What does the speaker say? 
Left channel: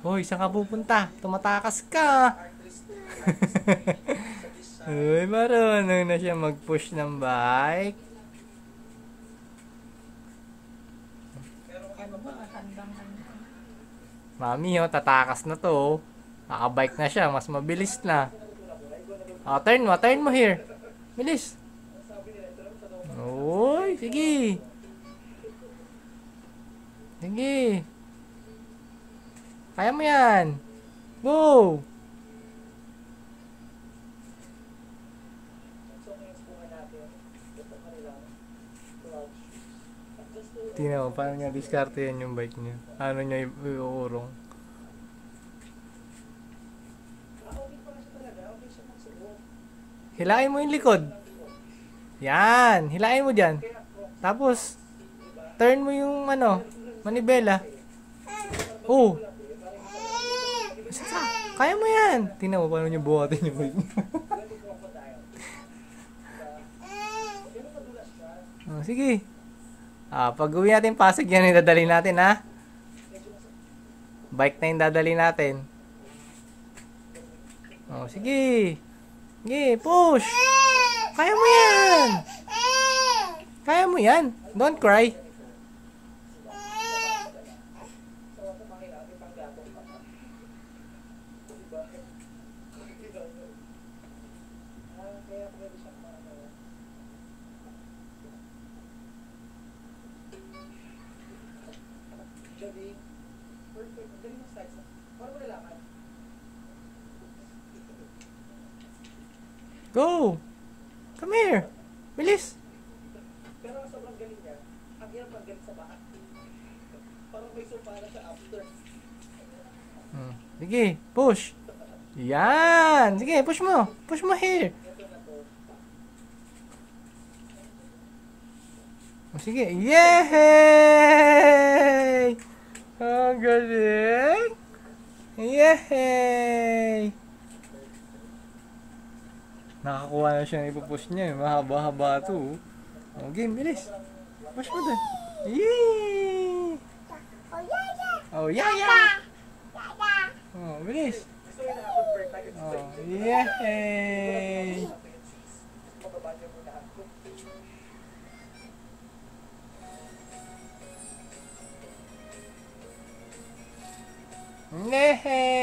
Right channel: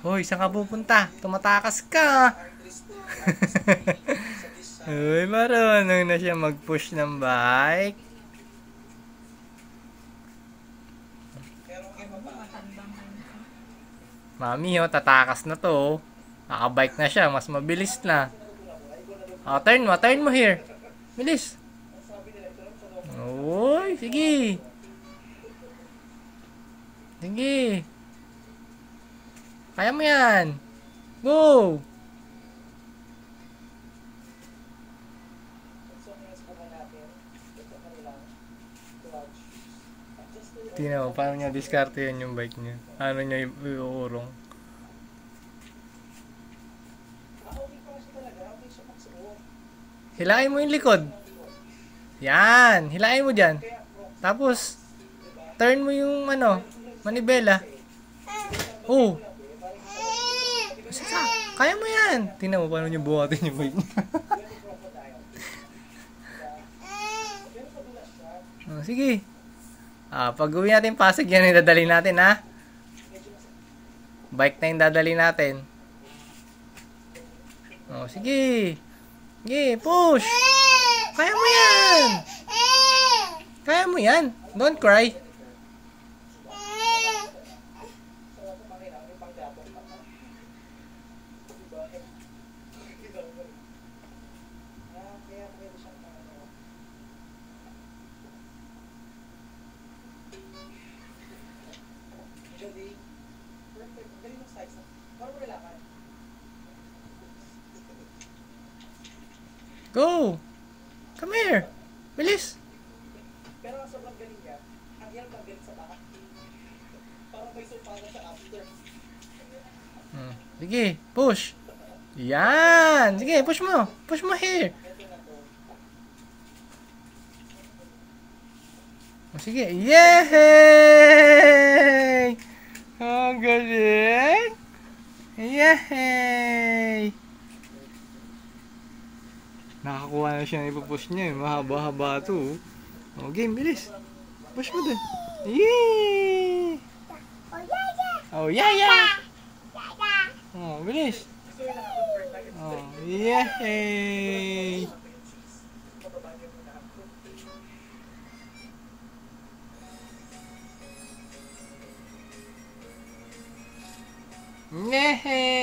Hoy, saan ka pupunta? Tumatakas ka. Uy, marunong na siya mag-push ng bike. Mami, oh, tatakas na to. Nakabike na siya, mas mabilis na. Oh, turn mo here. Bilis. Uy, sige. Sige. Kaya mo yan. Go. Tingnan mo, paano niya diskarte yan yung bike niya. Ano niya iuurong. Hilain mo yung likod. Yan, hilain mo dyan. Tapos, turn mo yung manibela. Oh. Kaya mo yan. Tingnan mo paano niya buhatin yung bike niya. Oh, sige. Pag uwi natin Pasig, yan yung dadali natin, ha? Bike na yung dadali natin. Oh, sige. Sige, push. Kaya mo yan. Kaya mo yan. Don't cry. Go! Come here! Bilis! Pero sobrang galing ka. Ang hirap ang galing sa baka. Parang may supara sa after. Sige, push! Yan! Sige, push mo! Push mo here! Sige, yay! Ang galing! Yay! Nakakuha na siya ng ipupush niya. Mahaba-haba ito. Oh, game, bilis. Push mo dun. Yay! Oh, yeah, yeah! Oh, bilis. Oh, yay! Yay!